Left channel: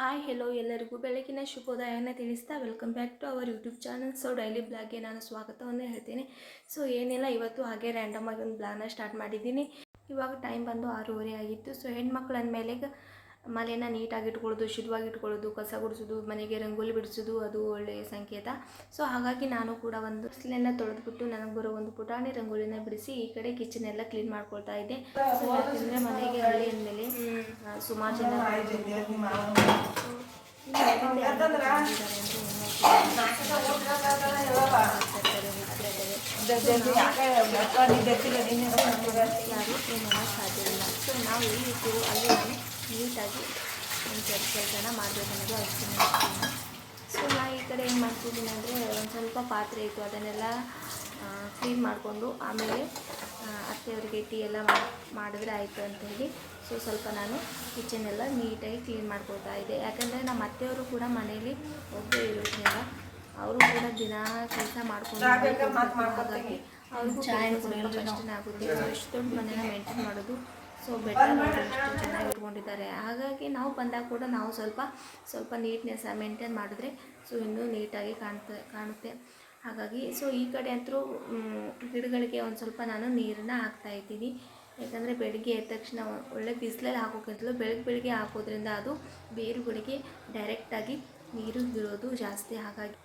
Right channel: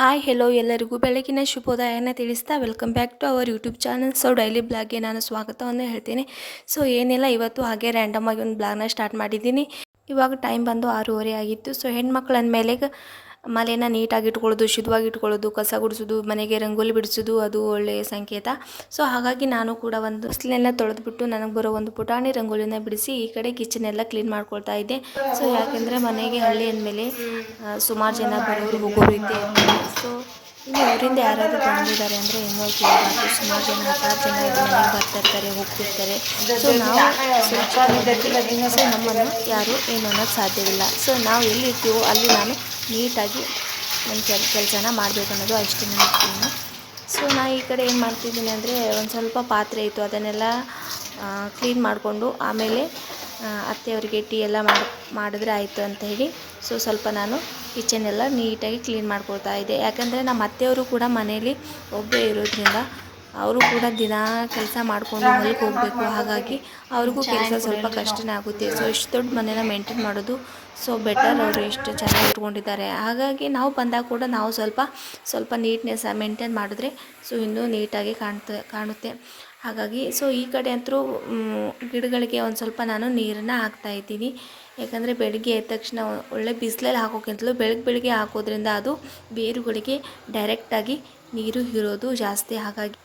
Hi hello ಎಲ್ಲರಿಗೂ ಬೆಳಗಿನ ಶುಭೋದಯನ ತಿಳಿಸ್ತಾ welcome back to our YouTube channel. So daily ಬ್ಲಾಗ್ಗೆ ನಾನು ಸ್ವಾಗತವನ್ನು ಹೇಳ್ತೀನಿ. ಸೊ ಏನಿಲ್ಲ, ಇವತ್ತು ಹಾಗೆ ರ್ಯಾಂಡಮ್ ಆಗಿ ಒಂದು ಬ್ಲಾಗ್ನ ಸ್ಟಾರ್ಟ್ ಮಾಡಿದ್ದೀನಿ. ಇವಾಗ ಟೈಮ್ ಬಂದು 6:30 ಆಗಿತ್ತು. ಸೊ ಹೆಣ್ಮಕ್ಳು ಅಂದಮೇಲೆ ಮನೆಯನ್ನು ನೀಟಾಗಿ ಇಟ್ಕೊಳ್ಳೋದು, ಶುದ್ಧವಾಗಿ ಇಟ್ಕೊಳ್ಳೋದು, ಕಸ ಗುಡಿಸೋದು, ಮನೆಗೆ ರಂಗೋಲಿ ಬಿಡಿಸೋದು ಅದು ಒಳ್ಳೆಯ ಸಂಕೇತ. ಸೊ ಹಾಗಾಗಿ ನಾನು ಕೂಡ ಒಂದು ಬಿಸಿಲೆಲ್ಲ ತೊಳೆದ್ಬಿಟ್ಟು ನನಗೆ ಬರೋ ಒಂದು ಪುಟಾಣಿ ರಂಗೋಲಿನ ಬಿಡಿಸಿ ಈ ಕಡೆ ಕಿಚನ್ ಎಲ್ಲ ಕ್ಲೀನ್ ಮಾಡ್ಕೊಳ್ತಾ ಇದ್ದೆ. ಸೊ ಯಾಕೆಂದರೆ ಮನೆಗೆ ಹಳ್ಳಿ ಅಂದಮೇಲೆ ಸುಮಾರು ಜನ ಬರೋರು ಹೋಗೋರು ಇದ್ದೇ ಇರ್ತಾರೆ. ಸೊ ಇನ್ನು ಊರಿಂದ ಯಾರಾದರೂ ಬಂದಿದ್ದಾರೆ ಅಂದರೆ ಇನ್ನೂ ಸುಮಾರು ಜನ ಹತ್ತಾರು ಜನ ಬರ್ತಿರ್ತಾರೆ, ಹೋಗ್ತಿರ್ತಾರೆ. ಸೊ ನಾವು ನಮ್ಮನ್ನು ಯಾರು ಏನು ಅನ್ನೋದು ಸಾಧ್ಯವಿಲ್ಲ. ಸೊ ನಾವು ಎಲ್ಲಿರ್ತೀವೋ ಅಲ್ಲಿ ನಾನು ನೀಟಾಗಿ ನನ್ನ ಕೆಲಸನ ಮಾಡಬೇಕು ಅನ್ನೋದು ಅಷ್ಟೇ ನಾನು. ಸೊ ನಾನು ಈ ಕಡೆ ಏನು ಮಾಡ್ತಿದ್ದೀನಿ ಅಂದರೆ, ಒಂದು ಸ್ವಲ್ಪ ಪಾತ್ರೆ ಇತ್ತು, ಅದನ್ನೆಲ್ಲ ಕ್ಲೀನ್ ಮಾಡಿಕೊಂಡು ಆಮೇಲೆ ಅತ್ತೆಯವರಿಗೆ ಟೀ ಎಲ್ಲ ಮಾಡಿದ್ರೆ ಆಯಿತು ಅಂತ ಹೇಳಿ ಸೊ ಸ್ವಲ್ಪ ನಾನು ಕಿಚನ್ನೆಲ್ಲ ನೀಟಾಗಿ ಕ್ಲೀನ್ ಮಾಡ್ಕೊಳ್ತಾ ಇದ್ದೆ. ಯಾಕಂದರೆ ನಮ್ಮ ಅತ್ತೆಯವರು ಕೂಡ ಮನೇಲಿ ಒಬ್ಬರೇ ಇರೋದ್ರಿಂದ ಅವರು ಕೂಡ ದಿನ ಕೆಲಸ ಮಾಡಿಕೊಂಡು ಹೊರಗೆ ಹೋಗಬೇಕು. ಹಾಗಾಗಿ ಅವ್ರಿಗೂ ಕೆಲಸ ಸ್ವಲ್ಪ ಕಷ್ಟನೇ ಆಗುತ್ತೆ. ಸೊ ಇಷ್ಟು ದೊಡ್ಡ ಮನೇನ ಮೇಂಟೈನ್ ಮಾಡೋದು ಸೊ ಬೆಟರ್. ಅವರು ಎಷ್ಟು ಚೆನ್ನಾಗಿ ಇಟ್ಕೊಂಡಿದ್ದಾರೆ. ಹಾಗಾಗಿ ನಾವು ಬಂದಾಗ ಕೂಡ ನಾವು ಸ್ವಲ್ಪ ನೀಟ್ನೆಸ್ ಮೇಂಟೈನ್ ಮಾಡಿದ್ರೆ ಸೊ ಇನ್ನೂ ನೀಟಾಗಿ ಕಾಣುತ್ತೆ. ಹಾಗಾಗಿ ಸೊ ಈ ಕಡೆ ಅಂತೂ ಗಿಡಗಳಿಗೆ ಒಂದು ಸ್ವಲ್ಪ ನಾನು ನೀರನ್ನು ಹಾಕ್ತಾಯಿದ್ದೀನಿ. ಯಾಕಂದರೆ ಬೆಳಗ್ಗೆ ಎದ್ದ ತಕ್ಷಣ ಒಳ್ಳೆ ಬಿಸಿಲಲ್ಲಿ ಹಾಕೋಕ್ಕಿಂತಲೂ ಬೆಳಗ್ಗೆ ಹಾಕೋದ್ರಿಂದ ಅದು ಬೇರುಗಳಿಗೆ ಡೈರೆಕ್ಟಾಗಿ ನೀರು ಹೀರೋದು ಜಾಸ್ತಿ. ಹಾಗಾಗಿ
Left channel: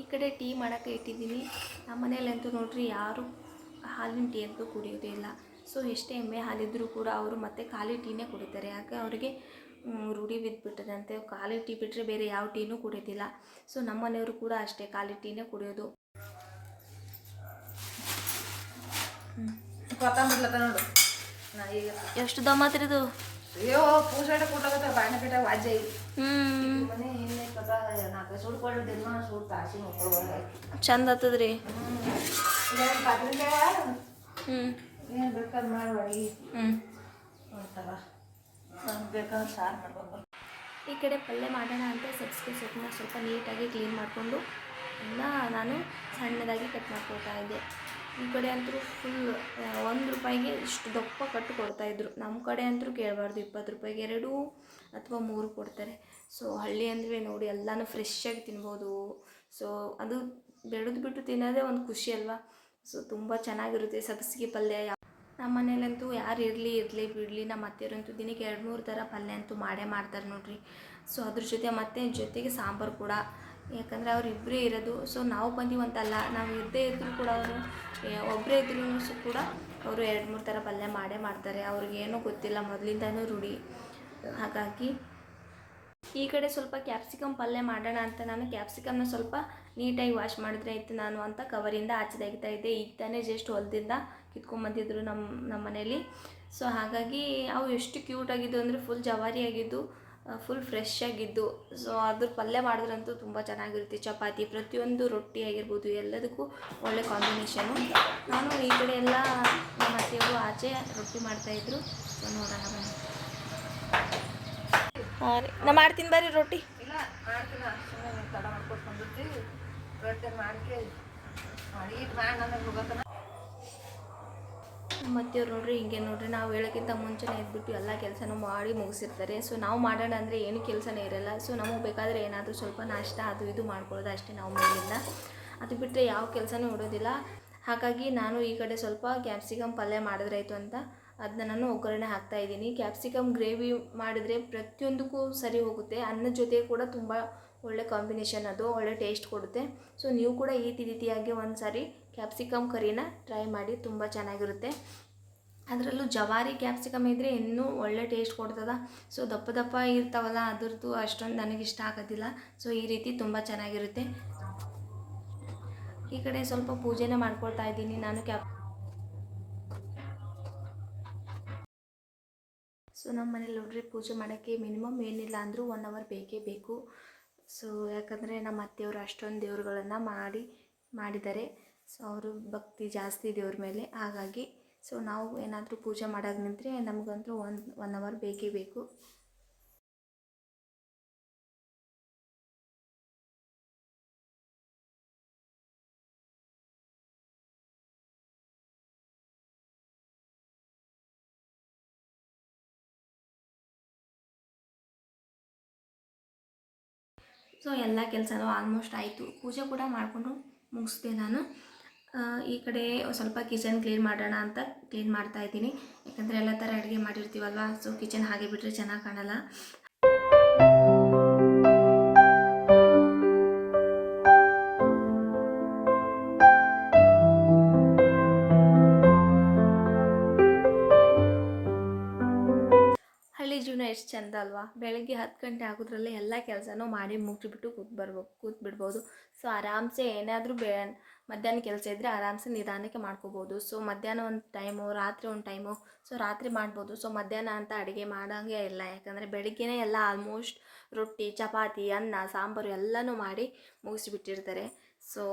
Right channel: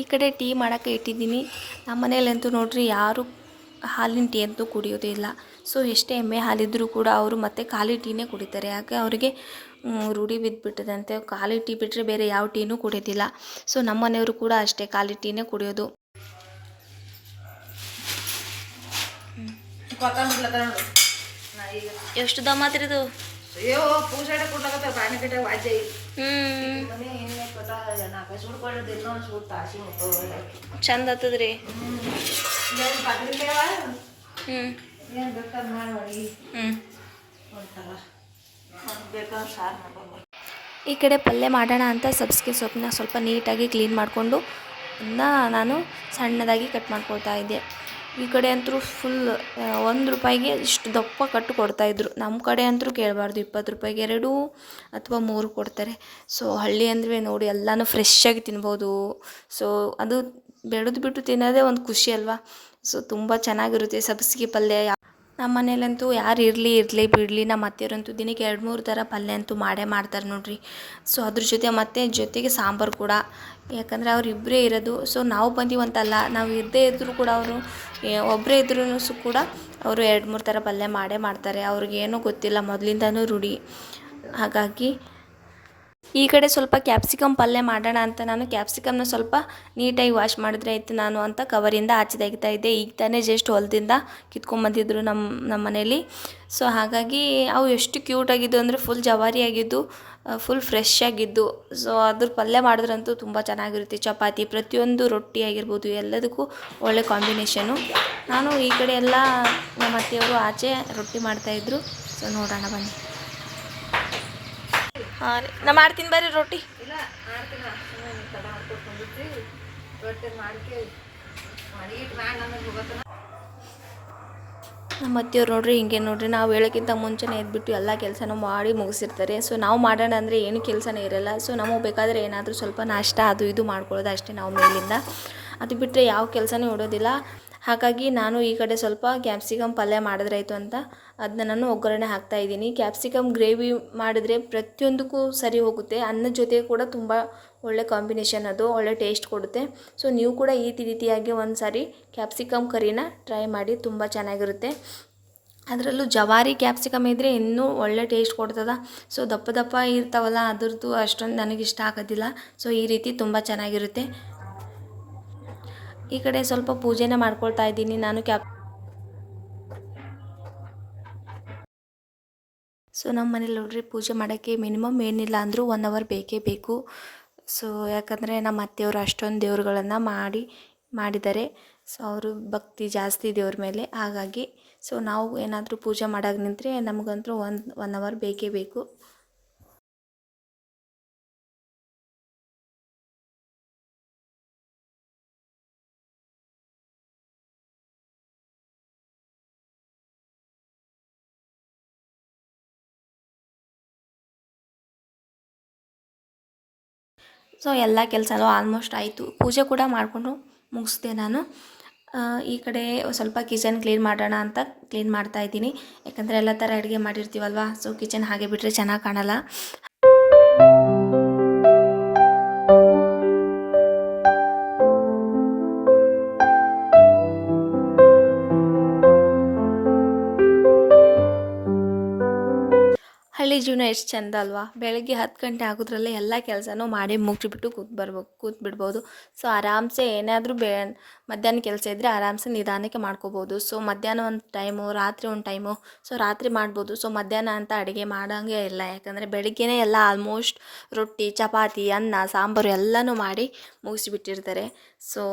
ಈ ಕಡೆ ಟೀ ಮಾಡೋಕ್ಕೆ ಇಟ್ಟಿದ್ದೀನಿ. ನಮ್ಮ ಮನೇಲಂತೂ ನೋಡ್ರಿ ಯಾರು ಹಾಲಿನ ಟೀ ಅಂತೂ ಕುಡಿಯೋದೇ. ಸೊ ಎಷ್ಟೇ ಎಮ್ಮೆ ಹಾಲಿದ್ರೂ ಕೂಡ ಅವರು ಮತ್ತೆ ಖಾಲಿ ಟೀನೇ ಕುಡಿತಾರೆ. ಯಾಕೆ ಅವರಿಗೆ ರೂಢಿ ಬಿದ್ದುಬಿಟ್ಟದಂತೆ. ಖಾಲಿ ಟೀ ಬಿಟ್ಟರೆ ಬೇರೆ ಯಾವ ಟೀನೂ ಕುಡಿಯೋದಿಲ್ಲ. ಸೊ ನಮ್ಮ ಮನೆಯವರು ಕೂಡ ಅಷ್ಟೇ ಖಾಲಿ ಟೀನೇ ಕುಡಿಯೋದು. ಎಷ್ಟು ದಮ್ಮ ಮಾತ್ರಿದು ಅಯ್ಯೋ ಪೂಜಾಡ ಕೊಟ್ಟಾಗತ್ತೆ ಬಾಯಿನ ಕಟ್ಟ ವಾಜ್ಯ ಚಂದ ಆಗ್ತದ್ರಿ. ಈ ಕಡೆ ಪಲ್ಯ ಮಾಡೋಣ ಅಂತ ಸಬ್ಸಿಗೆ ಸೊಪ್ಪನ್ನ ಸ್ವಲ್ಪ ನೀಟಾಗಿ ಕ್ಲೀನ್ ಮಾಡಿಕೊಂಡು ನಾನು ಸಣ್ಣದಾಗಿ ಕಟ್ ಮಾಡ್ಕೊಳ್ತಾ ಇದ್ದೆ. ಈ ಕಡೆ ಅಂತೂ ಫುಲ್ 1 ರೂಪಾಯಿಗೆ ಇಷ್ಟು ದಪ್ಪ ಕಟ್ಟು ಕೊಡ್ತಾಯಿದ್ರು. ನಮ್ಮ ಕಡೆ ಅಂತೂ ಕೇಳಬಾರ್ದು, 20 ರೂಪಾಯಿಗೆ 2 ಅಥವಾ 3 ಕೊಡ್ತಾರೆ. ಸೊ ಹಳ್ಳಿ ಅಂದರೆ ನೋಡಿ ಎಲ್ಲನೂ ಫ್ರೆಶ್ಶಾಗಿ ತಿನ್ಬೋದು. ಸೊ ಅದು ಬೆಳೆದು ಬಿಟ್ಟು ತಿನ್ನೋದೇ ಒಂದು ಖುಷಿ ಅಲ್ವಾ. ಸೊ ತುಂಬ ಚೆನ್ನಾಗಿರುತ್ತೆ ಸಬ್ಸಿಗೆ ಪಲ್ಯ. ನಮ್ಮ ಮನೇಲಂತೂ ಯಾರು ಇರಲಿ ಬಿಡಲಿ, ನಮ್ಮ ಅತ್ತೆಯವರಂತೂ ದಿನಕ್ಕೆ 2-3 ಥರ ಪಲ್ಯ ಅಂತೂ ಮಾಡೇ ಮಾಡ್ತಾರೆ ನೋಡ್ರಿ. ಸೊ ಅದ್ರ ಜೊತೆಗೆ ಸಾಂಬಾರು ಕೂಡ. ಯಾಕಂದರೆ ಅವ್ರು ಇಬ್ಬರೇ ಇರೋದು. ಸೊ ನಾವು ಬಂದೀವಂತಲ್ಲ, ನಾವು ಇರದೇ ಇದ್ದರೂ ಕೂಡ ಅವರು ಒಬ್ಬರೇ ಇದ್ರೂ ಕೂಡ ಅವರು 2-3 ಥರ ಪಲ್ಯ ಮಾಡೇ ಮಾಡ್ತಾರೆ. ಅವ್ರಿಗೇನೂ ಗೊತ್ತಿಲ್ಲ, ಮೊದಲಿಂದನೂ ರೂಢಿ. ಹಾಗಾಗಿ ಈ ಕಡೆ ಸ್ವಲ್ಪ ಕ್ಯಾಪ್ಸಿಕಮ್ ಪಲ್ಯ ಮಾಡೋಣ ಅಂತ ನಾನು ಕ್ಯಾಪ್ಸಿಕಮ್ನ ಸ್ವಲ್ಪ ನೀಟಾಗಿ ವಾಶ್ ಮಾಡಿದ್ರೆ ಆಯಿತು ನಾನು ಅಂತ ಕವರಿಂದ ಆಚೆ ತೆಗಿತಾ ಇದ್ದೆ. ಈಗ ತಾನೇ ಜಸ್ಟ್ ಹೊಲದಿಂದ ಕಿತ್ಕೊಂಡ್ಬಂದಿದ್ರು ನಮ್ಮ ಮನೇಲಿ. ಸೊ ಹಾಗಾಗಿ ಅವು ಎಷ್ಟು ಕ್ಯೂಟಾಗಿದ್ದು ಅಂದರೆ ಫುಲ್ ಜವಾರಿಯಾಗಿದ್ದು, ಫುಲ್ ಫ್ರೆಶ್ ಆಗಿದ್ದು. ಸೊ ಅದ್ರ ಪಲ್ಯ ಮಾಡಿದ್ರಂತೂ ತುಂಬ ಚೆನ್ನಾಗಿರುತ್ತೆ. ಚಪಾತಿ, ಪ್ರತಿಯೊಂದು ರೊಟ್ಟಿ ಆಗಿರ್ಬೋದು, ಎಲ್ಲದಕ್ಕೂ ಒಳ್ಳೆ ಕಾಂಬಿನೇಷನು. ನಾನು ಈ ಕಡೆ ಎಲ್ಲ ನಮ್ಮ ಅತ್ತೆಯವರು ಆಚೆ ರೊಟ್ಟಿ ಮಾಡ್ತಾಯಿದ್ರು. ಸೊ ನೋಡೋಣ ಬನ್ನಿ. ಹಾಂ ರೀ, ನಾ ಮಾಡ್ತೀನಿ ಬರ್ರಿ ರೊಟ್ಟಿ. ಇಲ್ಲ ಮಾಡ್ತೀನಿ, ತಡ ಮಾಡ್ಕೊಟ್ಕೊಂಡಿರ್ತೀವಿ ರೊಟ್ಟಿ ಮಾಡ್ಕೆ ಮಾಡಿಟ್ಟು ಮಾಡಿ ನನಗೆ ಹೋಗತ್ತನ. ನಮ್ಮ ಅತ್ತೆಯವ್ರು ನೋಡ್ರಿ ಹಿಂಗೆ ನೋಡ್ರಿ, ನಾವು ಹೇಳೋಕ್ಕಿಂತ ಮುಂಚೆನೇ ಎದ್ಬಿಟ್ಟು ಎಲ್ಲ ಕೆಲಸನೂ ಮಾಡಿ ಮುಗಿಸಿರ್ತಾರೆ. ಸೊ ನಾವು ಮಾಡೋಣ ಅಂದರೆ ಏನು ಕೆಲಸನೇ ಇರೋಲ್ಲ. ಸೊ ನಮಗೆ ಬೇಕಾದರೆ ಏನಾದರೂ ಸ್ವಲ್ಪ ನಾಷ್ಟ ಅದು ಇದು ಮಾಡ್ಕೊಳ್ಳೋದು ಅಷ್ಟೇ ನಾವು ಮೇಲಿಂದ. ಅದು ಬಿಟ್ಟರೆ ಯಾವ ಕೆಲಸನೂ ಇಡೋದಿಲ್ಲ. ಹಾಗಾಗಿ ನಾನು ಈ ಕಡೆ ಸ್ವಲ್ಪ ಕ್ಯಾಪ್ಸಿಕಮ್ ಪಲ್ಯ ಮಾಡಿದ್ರಾಯ್ತು ಅಂತ ಅದನ್ನ ನಾನು ಒಗ್ಗರಣೆ ಹಾಕ್ತಾಯಿದ್ದೀನಿ. ಕ್ಯಾಪ್ಸಿಕಮ್ ಗ್ರೇವಿ ಮಾಡಿದರೆ ಪ್ರತಿಯೊಂದಕ್ಕೂ ಸರಿ ಹೋಗುತ್ತೆ. ಅನ್ನದ ಜೊತೆ ಕೂಡ ತುಂಬ ಒಳ್ಳೆ ಕಾಂಬಿನೇಷನ್, ಅದು ಒಳ್ಳೆ ಟೇಸ್ಟ್ ಕೊಡುತ್ತೆ. ಸೊ ನೀವು ಕೂಡ ಈ ರೀತಿಯಾಗಿ ಒಂದು ಸಾರಿ ಕ್ಯಾಪ್ಸಿಕಮ್ ಕರಿನ ಟ್ರೈ ಮಾಡಿ, ತುಂಬ ಚೆನ್ನಾಗಿರುತ್ತೆ. ಅದರಲ್ಲೂ ಜವಾರಿ ಕ್ಯಾಪ್ಸಿಕಮ್ ಇದ್ದರೆ ಇನ್ನೂ ಒಳ್ಳೆ ಟೇಸ್ಟ್ ಕೊಡ್ತದೆ. ಸೊ ದಪ್ಪ ಇರ್ತಾವಲ್ಲ, ಅದ್ರದ್ದು ಅಷ್ಟೊಂದು ನನಗಿಷ್ಟ ಆಗೋದಿಲ್ಲ. ಸೊ ಈ ರೀತಿ ತುಂಬ ಚೆನ್ನಾಗಿರುತ್ತೆ. ಈ ಕಡೆ ಸ್ವಲ್ಪ ಪೂಜೆನ ಮಾಡ್ಕೊಳ್ತಾ ಇದ್ದೀನಿ ನಾನು ಸೊ ನಮ್ಮ ಮನೇಲಿ ನೋಡ್ರಿ ಪೂಜೆ ಮಾಡೋಕ್ಕೆ ಮಿನಿಮಮ್ ಏನಿಲ್ಲ ಅಂದರೂ 1 ಅವರ್ ಬೇಕೇ ಬೇಕು. ಸೊ ಯಾಕಂದರೆ ನಮ್ಮ ಅತ್ತೆಯವರು ಅಷ್ಟೊಂದು ದೇವ್ರುಗಳನ್ನು ಮಾಡಿದ್ದಾರೆ. ಸೊ ಅವರು ಭಕ್ತಿ ಜಾಸ್ತಿ ದೇವ್ರ ಮೇಲೆ. ಹಾಗಾಗಿ ಸೊ ನಾವು ಏನಾದರೂ ಪೂಜೆ ಮಾಡೋಕೆ ನಿಂತರೆ ನಮಗಂತೂ 1 ಅವರ್ ಬೇಕೇ ಬೇಕು. ಸೊ ಎಲ್ಲ ಕೆಲಸನೂ ಆಲ್ಮೋಸ್ಟ್ ಆಯಿತು. ಪೂಜೆ ಕೂಡ ಮಾಡಿಕೊಂಡು ಮುಗಿಸ್ದೆ ನಾನು. ಈ ಕಡೆ ಸ್ವಲ್ಪ ಕಿಚನ್ ಕ್ಲೀನ್ ಮಾಡೋಣ ಅಂತ ಕ್ಲೀನ್ ಮಾಡ್ತಾಯಿದ್ದೀನಿ. ಯಾಕಂದರೆ ಎಲ್ಲ ಥರ ಅಡುಗೆ ಮಾಡಿರ್ತೀವಲ್ವ, ಸೊ ಕಿಚನ್ ಹಾಗೆ ಬಿಟ್ಟರೆ ಚೆನ್ನಾಗಿ ಕಾಣಲ್ಲ. ಹಳ್ಳಿ ಜೀವನ ಎಷ್ಟು ಚೆಂದ ಅಲ್ವಾ. ಬೆಳಗ್ಗೆ 10 ಗಂಟೆ ಆಗೋದ್ರಲ್ಲೇ ಎಲ್ಲ ಕೆಲಸನೂ ಮಾಡಿ ಮುಗಿಸ್ಬಿಟ್ಟು ಕೂತ್ಬಿಡ್ಬೋದು. ಸೊ ಆರಾಮ್ಸೆ ಏನಾದರೂ ಮಧ್ಯಾಹ್ನ ಕೆಲಸ ಇದ್ದರೆ ಆರಾಮ್ಸೆ ನಿಧಾನಕ್ಕೆ ಮಾಡ್ಕೋಬೋದು. ಸೊ ಮಧ್ಯಾಹ್ನ ಒಂದು ಟೈಮು, ರಾತ್ರಿ ಒಂದು ಟೈಮು, ಸೊ ರಾತ್ರಿ ಮಾಡ್ಬೋದು. ಸೊ ಮಧ್ಯಾಹ್ನ ಅಂತ ಅಡುಗೆ ಮಾಡೋಂಗೆ ಇಲ್ಲ, ಯಾಕಂದರೆ ಬೆಳಗ್ಗೆನೇ ಎಲ್ಲ ಆಲ್ಮೋಸ್ಟ್ ರೊಟ್ಟಿ, ಚಪಾತಿ, ಅನ್ನ, ಸಾಂಬಾರು ಎಲ್ಲನೂ ಮಾಡಿ ಮುಗಿಸಿಬಿಟ್ಟಿರ್ತಾರೆ. ಸೊ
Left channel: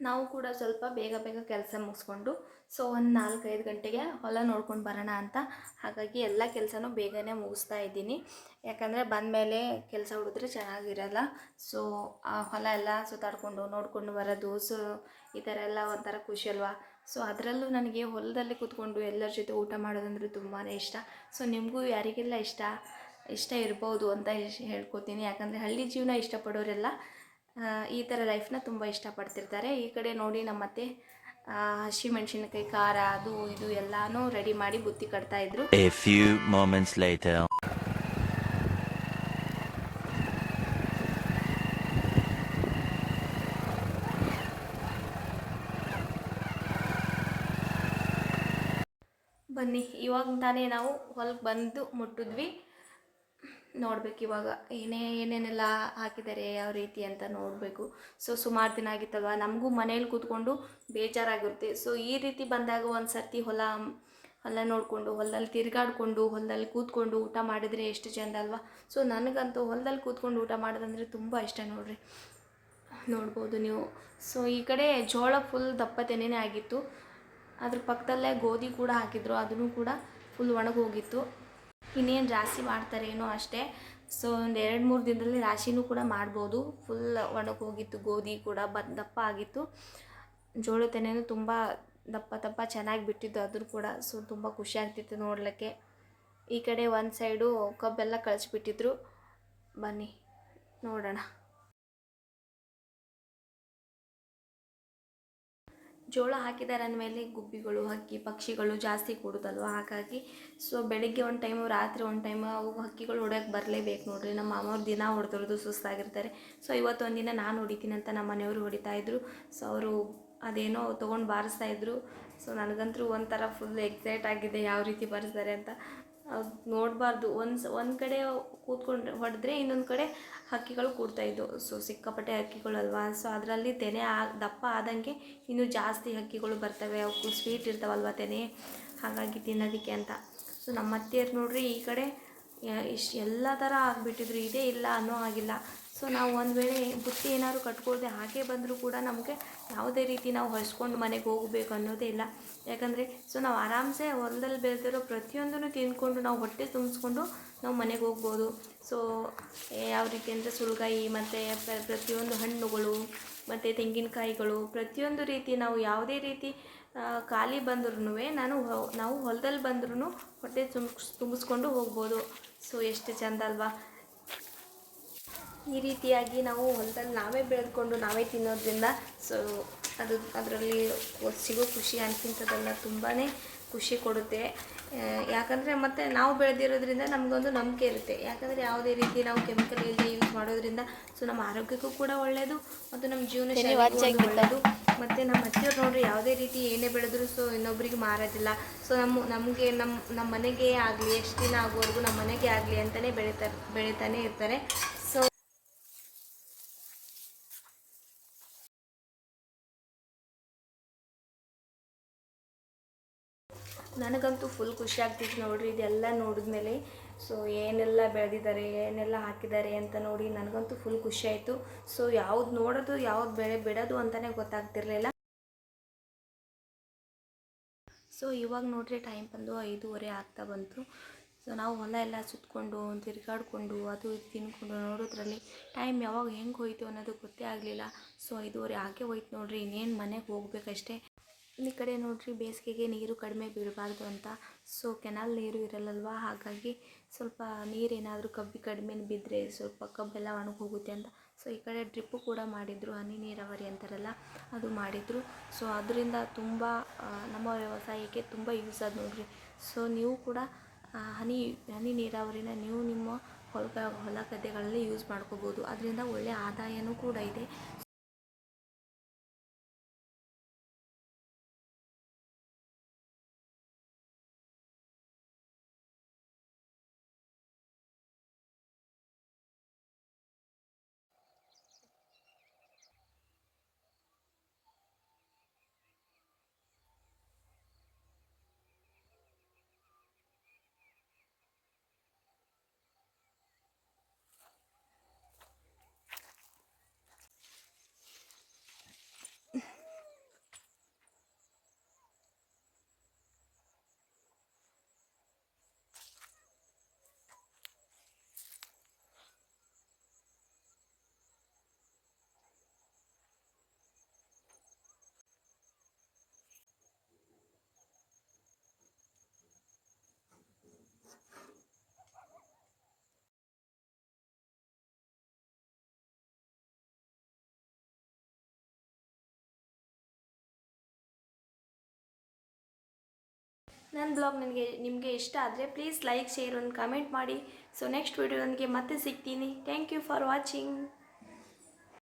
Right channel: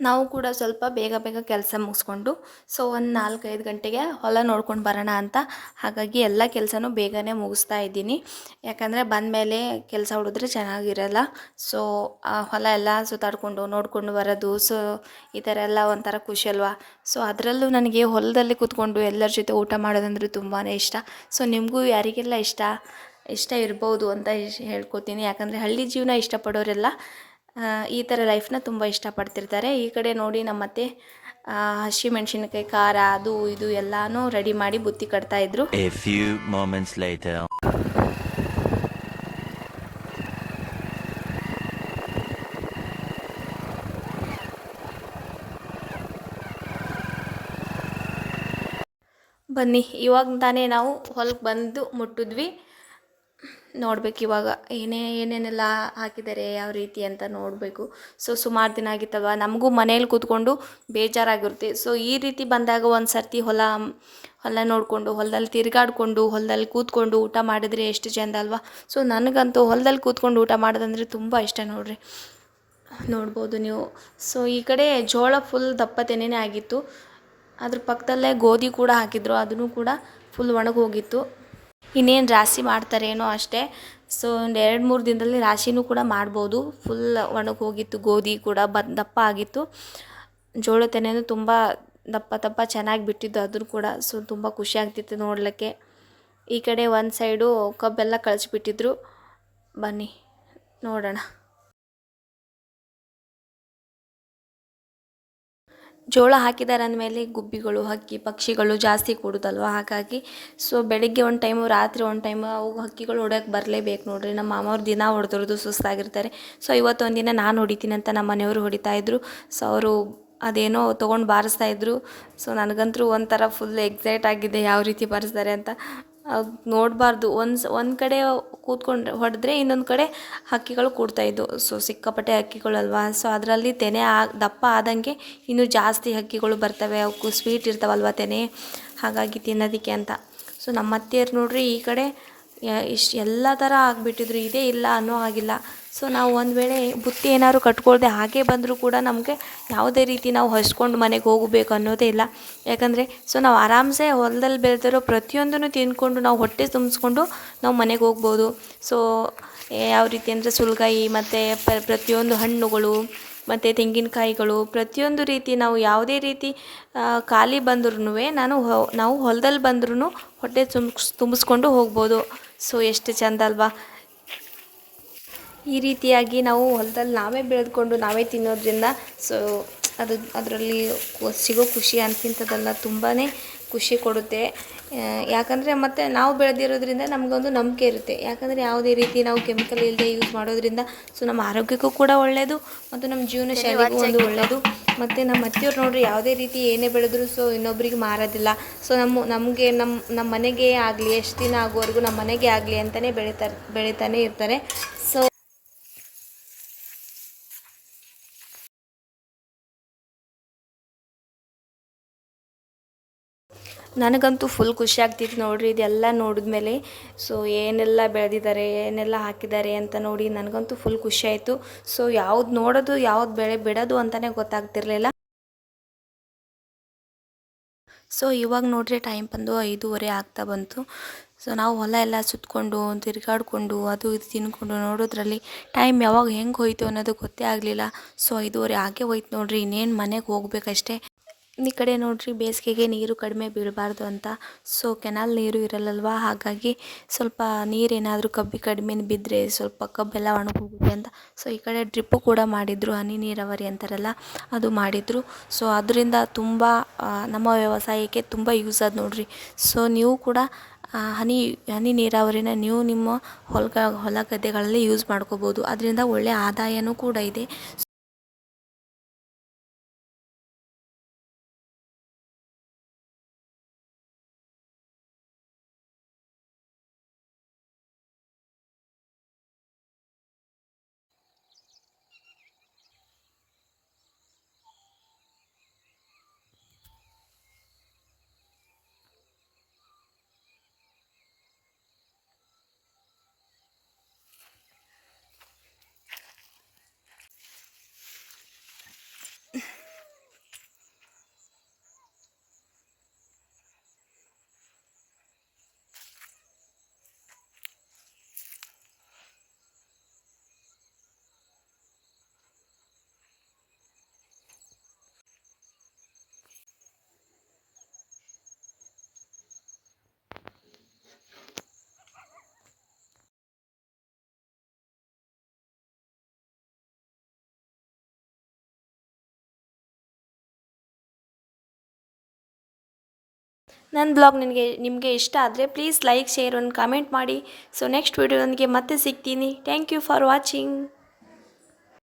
ನಾವು ಕೂಡ ಸ್ವಲ್ಪ ಬೇಗ ಬೇಗ ಕೆಲಸ ಮುಗಿಸ್ಕೊಂಡು ಸೊ ಒಂದು 4-5 ಗಂಟೆಗೆ ಹೊಲ ನೋಡ್ಕೊಂಡು ಬರೋಣ ಅಂತ, ಹಾಗಾಗಿ ಎಲ್ಲ ಕೆಲಸನೂ ಬೇಗನೆ ಮುಗಿಸ್ತಾ ಇದ್ದೀನಿ. ಯಾಕಂದರೆ ಬಂದಮೇಲೆ ಕೆಲಸ ಹುಡಿದ್ರೆ ಚೆನ್ನಾಗಿರಲ್ಲ. ಸೊ ಹೊಲ ಎಲ್ಲ ಸುತ್ತಾಡ್ಕೊಂಡು ನೋಡಿಕೊಂಡು ಬರೋದು, ಸೊ ಈ ಥರ ಎಲ್ಲ ಒಂಥರ ಖುಷಿ ಅಲ್ವಾ. ಸೊ ಅದರಲ್ಲೂ ನನಗೆ ಹೊಲದಲ್ಲಿ ಕೂತ್ಕೊಂಡು ಎಲ್ಲರ ಜೊತೆ ಊಟ ಮಾಡೋದಂದ್ರೆ ತುಂಬಾ ಇಷ್ಟ. ಸೊ ನಿಮಗೂ ಯಾರಿಗೆಲ್ಲ ಇಷ್ಟ ಇರ್ಬೋದು ಅಂತ ಹೇಳ್ಕೊತೀನಿ. ಯಾಕಂದರೆ ಹಳ್ಳಿ ಜೀವನ ಇಷ್ಟಪಡೋರೆಲ್ಲ ಈ ಥರ ಲೈಫ್ನ ತುಂಬ ಇಷ್ಟಪಡ್ತಿರ್ತಾರೆ. ಈ ಕಡೆ ನೋಡಿ ನಮ್ಮತ್ತೆ ಹಸಿಮೆಣ್ಸಿನ್ಕಾಯಿ, ಖಾರ, ಅದು ಇದು ಎಲ್ಲನೂ ರೆಡಿ ಮಾಡಿ ಬುತ್ತಿ ಕಟ್ತಾಯಿದ್ರು. A few moments later. ಬನ್ನಿ, ಇವಾಗ ತಾನೇ ನಾವು ಹೊಲಕ್ಕೆ ಬಂದು ಮುಟ್ಟಿದ್ವಿ. ನೋಡ್ಬೇಕು ಇವಾಗ ಏನೇನೆಲ್ಲ ಹಾಕಿದ್ದಾರೆ, ಯಾವ ರೀತಿ ಅಂತ ನೋಡಬೇಕು. ಸೊ ಸುಮಾರು ದಿನ ಆಗಿತ್ತಲ್ವ, ನಮಗೂ ಮನೇಲಿ ಕೂತ್ಕೊಂಡು ಬೇಜಾರಾಗಿರುತ್ತೆ. ಸೊ ಈ ರೀತಿ ಬಂದಾಗ ಒಂದು ಸರ್ತಿ ಹೊಲ ನೋಡಿಕೊಂಡು, ಹೊಲದಲ್ಲಿ ತಿರುಗಾಡಿಕೊಂಡು, ಹೊಲದಲ್ಲಿ ಕೂತ್ಕೊಂಡು ಊಟ ಮಾಡಿದರೆ ಎಷ್ಟು ಚೆಂದ ಅಲ್ವಾ. ಸೊ ನನಗಂತೂ ಹೊಲದಲ್ಲಿ ಕೂತ್ಕೊಂಡು ಊಟ ಮಾಡೋದಂದರೆ ತುಂಬ ಇಷ್ಟ ನೋಡ್ರಿ, ನೋಡ್ಬೋದು ನೀವು. ಸೊ ಈ ಕಡೆ ಜೋಳ ಫುಲ್ ದಪ್ಪ ತೆನೆನೇ ಆಗಿತ್ತು. ಅದ್ರ ಪಕ್ಕದಲ್ಲೇ ಗೋಧಿ ಕೂಡ ಹಾಕಿದ್ರು, ಅದನ್ನು ಕೂಡ ಫುಲ್ ಒಣಗೋಗಿತ್ತು. ಇನ್ನೇನು ರಾಶಿ ಮಾಡ್ತಾರೇನೋ ಅಷ್ಟೇ. ಸೊ ಒಂದು 2-3 ದಿನದಲ್ಲಿ ರಾಶಿನೂ ಕೂಡ ಮಾಡ್ಬೋದು. ಫುಲ್ ಒಣಗೋಗಿತ್ತು, ಗೋಧಿ ಕೂಡ ದಪ್ಪ ಆಗಿತ್ತು. ಜೋಳ ತೆನೆನೂ ತುಂಬ ದಪ್ಪ ಚೆನ್ನಾಗಿ ಬಿಟ್ಟಿದ್ದು ಅದನ್ನು ಕೂಡ. ಸೊ ತುಂಬ ಖುಷಿ ಆಗ್ತಿತ್ತು ನೋಡಲಿಕ್ಕೆ. ಈ ಕಡೆ ಒಂದು ಸೈಡು ಕಬ್ಬೆಲ್ಲ ಕಳಿಸ್ಬಿಟ್ಟಿದ್ರು. ಬನ್ನಿ ನೋಡೋಣ. ಜೋಳ ಹಾಕಿದ್ದಾರೆ ಅಂದಮೇಲೆ ಗುಬ್ಬಿಗಳು, ಹಕ್ಕಿ ಪಕ್ಷಿಗಳು ಜಾಸ್ತಿ ಕೂಡುತ್ತಲ್ವ, ಹಾಗಾಗಿ ಸೊ ಬೆಳಗ್ಗೆ ಒಂದು ಟೈಮು, ರಾತ್ರಿ ಒಂದು ಟೈಮು ಅವು ಹಕ್ಕಿಗಳು ಹೊಡ್ಯೋಕ್ಕೆ ಬರಲೇಬೇಕು ನೋಡ್ರಿ. ನಮ್ಮ ಮಾಮವ್ರು ದಿನ ಹೊಡೆದ್ರದು ಸುಸ್ತಾಗಿರ್ತಾರೆ. ಸೊ ಇವತ್ತೊಂದು ದಿನ ನಾನು ಹೊಡಿತೀನಿ ಅಂತ ನಮ್ಮ ಮನೆಯವರು ಹೊಡಿತಾಯಿದ್ರು. ಸೊ ಅವರು ಅದೇನೋ ತೊಗೊಂಡು ಬಾರಿಸ್ತಾಯಿದ್ರು. ಸೊ ನನಗಂತೂ ಒಂಥರ ಫುಲ್ ಎಕ್ಸೈಟ್ ಆಗಿದೆ ಯಾವ ರೀತಿ ಬಾರಿಸ್ತಾರೆ ಅಂತ. ಅದು ನೋಡಬಾರ್ದು, ಒಂದು ಕಡೆ ಕೂತ್ಕೊಂಡು ಹೊಡೆದ್ರೆ ಇನ್ನೊಂದು ಕಡೆ ಹಕ್ಕಿಗಳು ಕೂಡ್ತಾಯಿದ್ದು. ಸೊ ಸಿಕ್ಕಾಪಟ್ಟೆ ಹಕ್ಕಿಗಳಲ್ವ. ಸೊ ಅದರಲ್ಲಿ ತೆನೆ ದಪ್ಪ ಆದಂಗೆ ಇನ್ನೂ ಜಾಸ್ತಿ ಹಕ್ಕಿಗಳು ಬರ್ತವೆ. ಅವಕ್ಕೂ ಸ್ವೀಟ್ ಇರ್ತಾವಲ್ವ ತೆನೆ, ಹಾಗಾಗಿ ತಿನ್ನೋದಕ್ಕೆ ಅಂತ. ಸೊ ನಮ್ಮ ಅತ್ತೆಯರು ನೋಡ್ರಿ ಈ ಕಡೆ ಎಲ್ಲ ಥರ ಆಗಿಬಿಟ್ಟಿದ್ರು, ಇದೇ ಇಲ್ಲ ಅನ್ನೋ ಆಗಿಲ್ಲ. ಸೊ ನಾವು ಒಂದು ವೇಳೆ ಬುತ್ತಿ ಏನಾದ್ರು ಕಟ್ಕೊಳ್ದೆ ಹಾಗೆ ಬಂದರೂ ಕೂಡ ನಮಗೆ ಯಾವುದೇ ರೀತಿ ನಾವು ಹಸ್ಕೊಂಡು ಮನೆಗೆ ಹೋಗಬೇಕು ಅನ್ನೋದೇ ಇಲ್ಲ. ಯಾಕಂದರೆ ಸೊ ನಾವು ಆರಾಮ್ಸೆ ಹೊಲದಲ್ಲಿ ಬೆಳೆದಿರೋ ಪ್ರತಿಯೊಂದನ್ನು ತಿಂದ್ಕೊಂಡು ನಾವು ಹೊಟ್ಟೆ ತುಂಬಿಸ್ಕೊಂಡು ನಾವು ಮನೆಗೆ ಹೋಗ್ಬೋದು. ಸೊ ಯಾವ ರೀತಿ ಅಂದರೆ ಸುಲ್ಗಾಯಿ ಮತ್ತು ಪ್ರತಿಯೊಂದು ಹಣ್ಣುಗಳು ಮತ್ತು ತೆಂಗಿನಕಾಯಿಗಳು, ಪ್ರತಿಯೊಂದು ರೀತಿ ನಾವು ಯಾವುದೇ ರೀತಿ ಖಾಲಿ ಬಂದ್ರೂ ನಾವು ಹೊಲದಲ್ಲಿ ಬಂದ್ರೂ ಹೊಟ್ಟೆ ತುಂಬಿಸ್ಕೊಂಡು ಹೋಗ್ಬೋದು. ಸೊ ಎಷ್ಟು ಚೆಂದ ಅಲ್ವಾ. ಈ ರೀತಿಯಾಗಿ ನಾವು ಹೊಲದಲ್ಲಿ ನಾವೇ ಬೆಳೆದುಕೊಂಡು ನಾವೇ ತಿನ್ನೋದ್ರಿಂದ ಸೊ ಅದರಲ್ಲಿ ಸಿಗೋ ಖುಷಿ ಅಂತಿಂಥದ್ದೆಲ್ಲ ತುಂಬಾ ಖುಷಿ ಕೊಡುತ್ತೆ. ಯಾಕಂದರೆ ಮತ್ತು ನಾವು ಬೆಳೆದಿರೋದ್ರಿಂದ ನಮಗೊಂದು ನಂಬಿಕೆ ಇರುತ್ತೆ. ಯಾಕಂದರೆ ಯಾವುದೇ ರೀತಿ ನಾವು ಕೆಮಿಕಲ್ ಇಲ್ಲದೆ ಯೂಸ್ ಮಾಡೋದ್ರಿಂದ ಸೊ ನಮ್ಮ ಆರೋಗ್ಯಕ್ಕೂ ಕೂಡ ಒಳ್ಳೆಯದು ಮತ್ತು ನಮ್ಮ ಜೀವನ ಶೈಲಿಗೂ ಒಂದು ಒಳ್ಳೆಯದು. ಮತ್ತು ನಮ್ಮ ಅತ್ತೆಯವ್ರು ನೋಡಿರಿ ಯಾವುದೇ ರೀತಿ ಏನೇ ಬೆಳೆದ್ರು ಸೊ ಇನ್ನೊಬ್ರಿಗೆ ಮಾರೋದಿಲ್ಲ. ಸೊ ನಮಗೆ ನಮ್ಮ ಮನೆಗೆ ಆಗಲಿ, ಎಷ್ಟು ದಿನ ಆಗೋವರೆಗೂ ನಮ್ಮ ಮನೆಗೆ ಆಗಲಿ ಅಂತಲೇ ಬೆಳೀತಾನೆ ಇರ್ತಾರೆ. ಸೊ ನನಗಂತೂ ಫುಲ್ ಖುಷಿ ಆಗ್ತಿತ್ತು ನೋಡಿರಿ ಇದೆಲ್ಲ ನೋಡಿದ್ಮೇಲೆ. ಸೊ ಏನೆಲ್ಲ ಬೆಳೆದಿದ್ದಾರೆ, ಏನೆಲ್ಲ ಹಾಕಿದ್ದಾರೆ ಅಂತ ನೋಡಿ ನನಗಂತೂ ಫುಲ್ ಖುಷಿ ಆಯಿತು. ಸೊ ಯಾವ್ದು ನೋಡೋದು, ಯಾವ್ದು ಬೆಳೆ ಬಿಡೋದು ಅಂತಲೇ ಗೊತ್ತಾಗ್ತಿರ್ಲಿಲ್ಲ. ಸೊ ಇವಾಗ ನೋಡ್ರಿ ಟೈಮ್ ಬಂದು 5:30 ಆಗ್ತಾ ಬಂತು. ಸೊ ನಾವು ಹೊಲ ಎಲ್ಲ ಸುತ್ತಕೊಂಡು ತಿರುಗಾಡಿಕೊಂಡು ಅದು ಇದು ತಿನ್ಕೊಂಡು ನೋಡೋದ್ರಲ್ಲಿ ಟೈಮ್ ಯಾವಾಗ ಹೆಂಗೆ ಹೋಯ್ತು ಅನ್ನೋದು ಗೊತ್ತೇ ಆಗಲಿಲ್ಲ. ಸೊ 5:30 ಆಗೇ ಹೋಯ್ತು ನೋಡ್ರಿ. ಇನ್ನೇನು ಮನೆಗೆ ಹೋಗ್ಬೇಕಷ್ಟೇ. ಈ ಕಡೆ ನೋಡ್ರಿ ಬೇಸಿಗೆಗೆ ನೀರು ಕಡಿಮೆ ಬೀಳಬಾರ್ದು ಅಂತ ಸೊ ಕೆನಾಲ್ ನೀರು ಇರಲ್ಲಲ್ವ, ಹಾಗಾಗಿ ಸ್ವಲ್ಪ ನೀರೇನಾದರೂ ಕಡಿಮೆ ಬಿದ್ದರೆ ಸ್ವಲ್ಪ ಕಬ್ಬೆಲ್ಲ ಒಣಗೋಗುತ್ತೆ ಅಂತ ಸೊ ಈ ಕಡೆ ಡ್ರಿಪ್ಪು ಕೂಡ ಮಾಡಿದರು, ಹನಿ ನೀರಾವರಿ ಅಂತಾರಲ್ಲ ಅದು ಮಾಡಿದರು. ಸೊ ಅದರಿಂದ ತುಂಬ ನಮ್ಮ ವ್ಯವಸಾಯಕ್ಕೆ ತುಂಬ ಯೂಸ್ ಆದ ನೋಡ್ರಿ. ಸೊ ನೀವು ಕೂಡ ಹನಿ ಹನಿ ನೀರಾವರಿನ ನೀವು ನಿಮ್ಮ ಹೊಲ ಗದ್ದೆಗಳಲ್ಲಿ ಯೂಸ್ ಮಾಡ್ಕೋಬೋದು, ಅದರಿಂದ ಒಳ್ಳೆಯ ಆದಾಯನೂ ಕೂಡ ಇದೆ. ನನ್ನ ಬ್ಲಾಗ್ ನಿಮಗೆ ಇಷ್ಟ ಆದರೆ ಪ್ಲೀಸ್ ಲೈಕ್, ಶೇರ್, ಒಂದು ಕಾಮೆಂಟ್ ಮಾಡಿ. ಸೊ ನೆಕ್ಸ್ಟ್ ವೀಡಿಯೋದೊಂದಿಗೆ ಮತ್ತೆ ಸಿಗ್ತೀನಿ. Thank you for watching.